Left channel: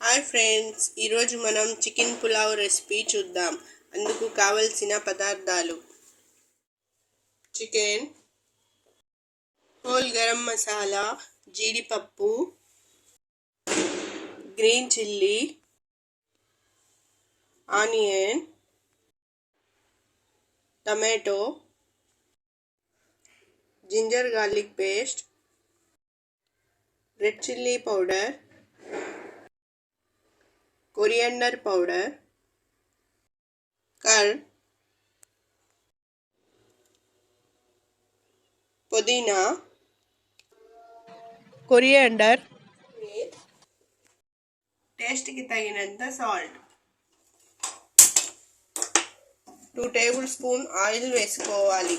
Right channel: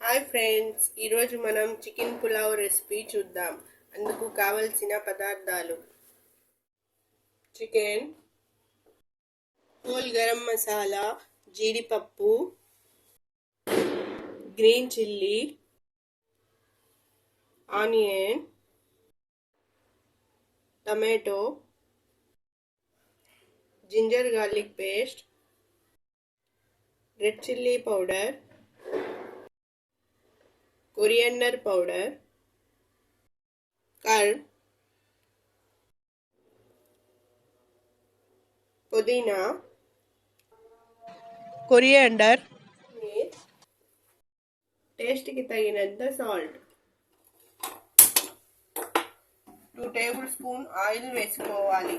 Hi friends, ఈరోజు మనం చికెన్ పులావ్ రెసిపీ చూద్దాం. అందుకు కావలసిన పదార్థాలు: చికెన్, హోల్ గరం మసాలా, జీడిపప్పు, green chilli, onion, tomato, ginger garlic paste, red chilli powder, coriander powder, curd, పుదీనా, కొరియండర్, టేస్ట్కి తగినంత సాల్ట్. 2 టేబుల్ స్పూన్ ఆయిల్ వేసుకోవాలి.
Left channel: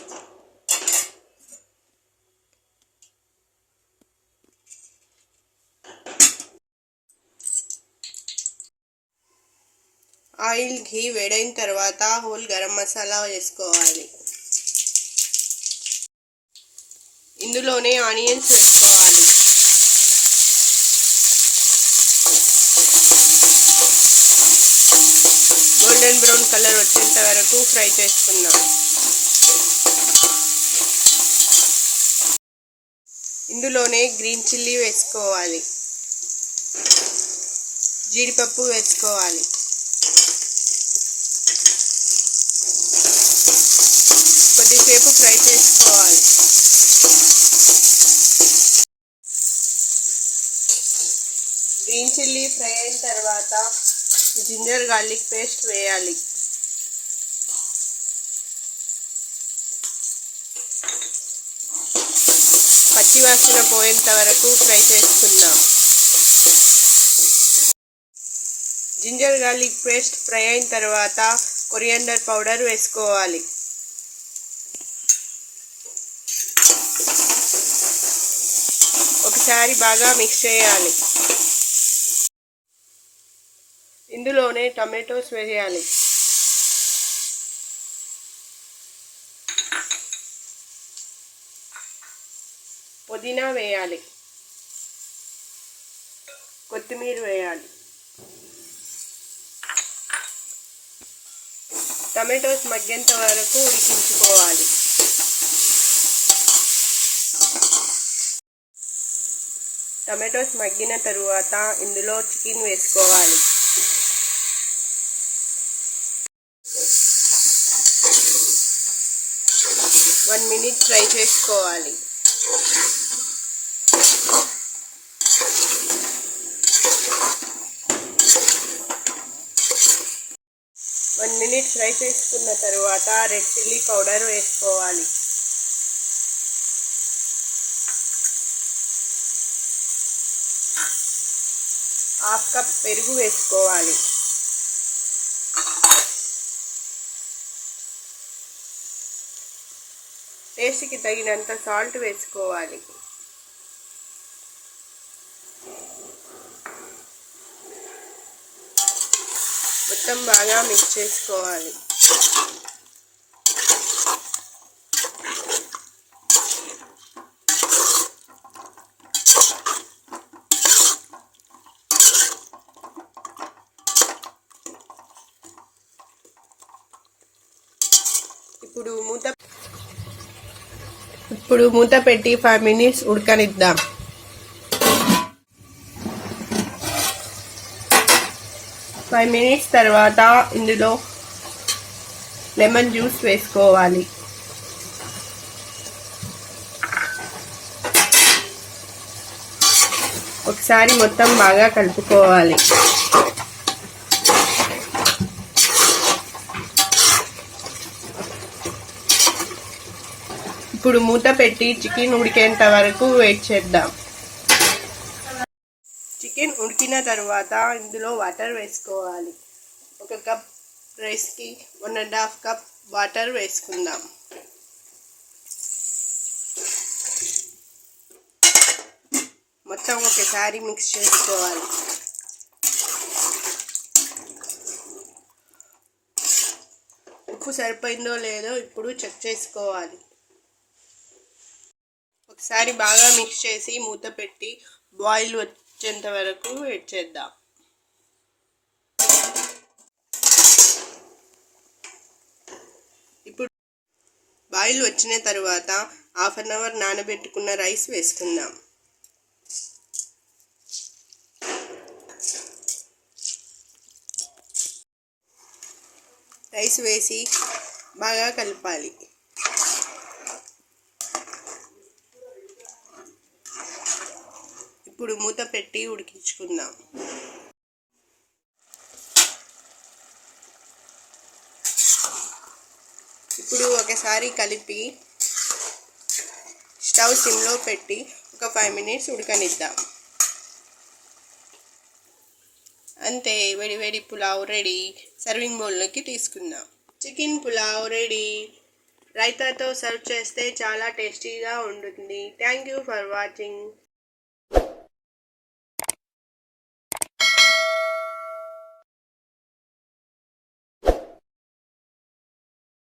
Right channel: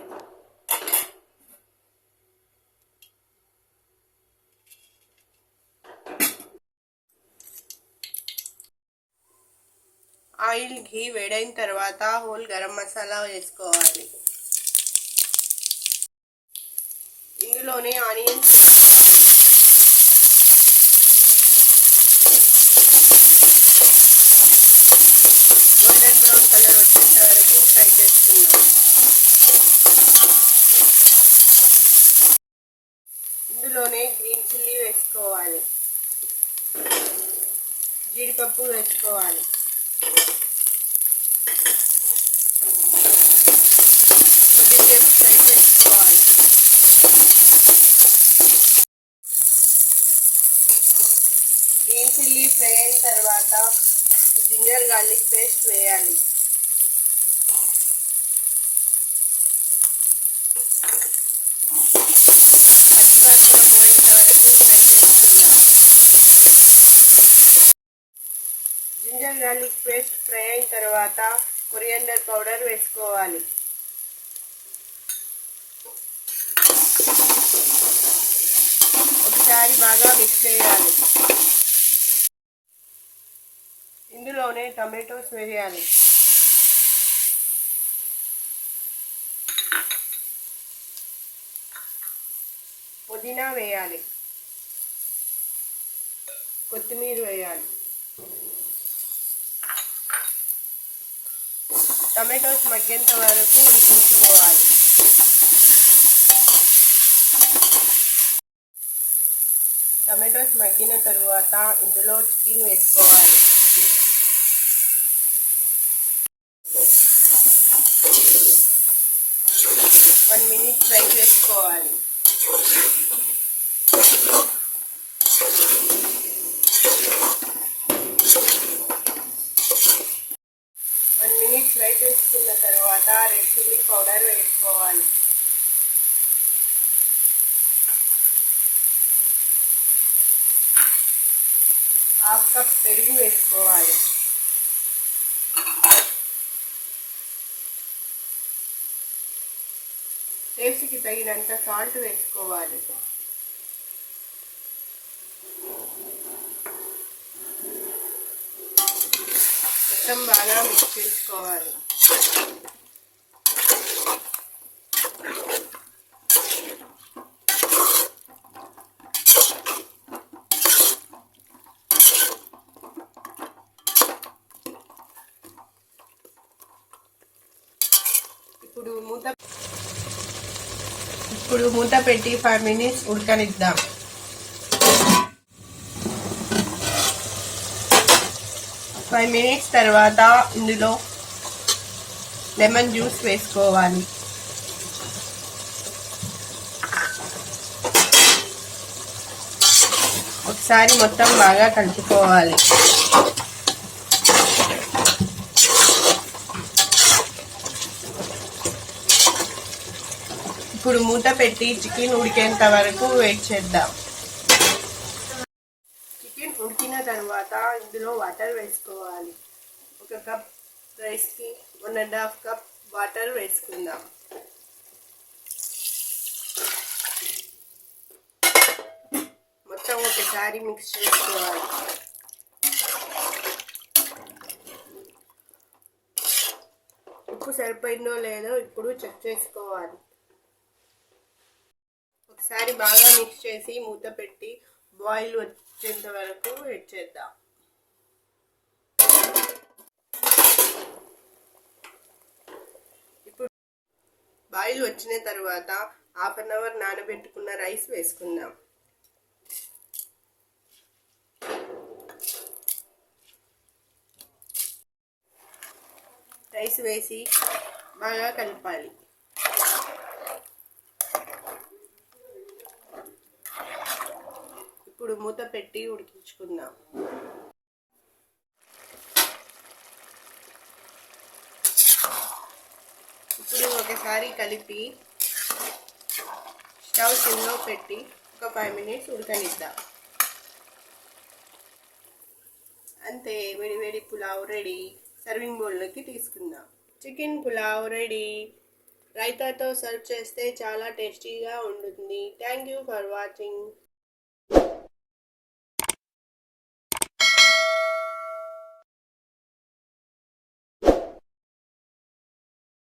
ఆయిల్ ఘీ వేడైన తర్వాత హోల్ గరం మసాలా వేసుకోవాలి. ఇందులోనే ఆనియన్స్ వేసుకోవాలి. గోల్డెన్ బ్రౌన్ కలర్ వచ్చేంత వరకు ఫ్రై చేసుకుందాం. ఇందులోనే గ్రీన్ చిల్లీ వేసుకోవాలి. జీడిపప్పు వేసుకోవాలి. కొద్దిసేపు ఫ్రై చేసుకోవాలి. గ్రీన్ చిల్లీ ఫ్రై అయిన తర్వాత జింజర్ గార్లిక్ పేస్ట్ వేయాలి. పచ్చివాసన పోయేంత వరకు ఫ్రై చేసుకుందాం. జింజర్ గార్లిక్ పేస్ట్ ఫ్రై అయిన తర్వాత కొరియండర్ పౌడర్ వేసుకోవాలి. ఒకసారి బాగా మిక్స్ చేయాలి. ఇందులోనే టమాటోస్ వేయాలి. పుదీనా వేయాలి. కొత్తిమీర వేయాలి. టమాటోస్ మగ్గేంత వరకు ఉడికించుకోవాలి. టమాటోస్ మగ్గిన తరువాత ఇందులో చికెన్ వేసుకోవాలి. వన్ మినిట్ ఫ్రై చేసుకోవాలి. వన్ మినిట్ ఫ్రై చేసుకున్న తర్వాత రెడ్ చిల్లీ పౌడర్ వేసుకోవాలి. హాఫ్ కప్ పెరుగు వేసుకోవాలి. టేస్ట్కి తగినంత సాల్ట్ వేసుకోవాలి. మొత్తం బాగా మిక్స్ చేసుకోవాలి. ఇప్పుడు మూత పెట్టి 5 మినిట్స్ ఉడకనిద్దాం. ఫైవ్ మినిట్స్ తర్వాత ఇందులో లెమన్ జ్యూస్ వేసుకోవాలి. ఒకసారి మొత్తం బాగా కలుపుకోవాలి. ఇప్పుడు మూత పెట్టి చికెన్ ఉడికేంత వరకు వెయిట్ చేద్దాం. చికెన్ ఉడికిన తర్వాత ఇందులో వాటర్ వేసుకోవాలి. 1 కప్ రైస్కి 1.5 కప్ వాటర్ వేసుకుందాం. మొత్తం ఒకసారి మిక్స్ చేసుకోవాలి. ఉప్పు సరిపోయిందో లేదో ఇప్పుడు చెక్ చేసుకోవాలి. ఒకసారి బాగా మిక్స్ చేసి మూత పెట్టి బాయిల్ వచ్చేంత వరకు వెయిట్ చేద్దాం. బాయిల్ వచ్చిన తర్వాత 1/2 అవర్ నానబెట్టుకున్న రైస్ వేసుకుందాం. రైస్ వేసి బాగా కలపాలి. ఇప్పుడు మూత పెట్టి ఉడికించుకుందాం. ఇప్పుడు ఒకసారి కలిపి స్టవ్ సిమ్లో పెట్టి ఒక 5 మినిట్స్ ఉడకనిద్దాం. అంతే, వేడి వేడి పులావ్ రెడీ. సర్వింగ్ బౌల్లోకి తీసుకుందాం. Chicken pulao ready. రైతాతో సర్వ్ చేస్తే చాలా టేస్టీగా ఉంటుంది. Thank you for watching.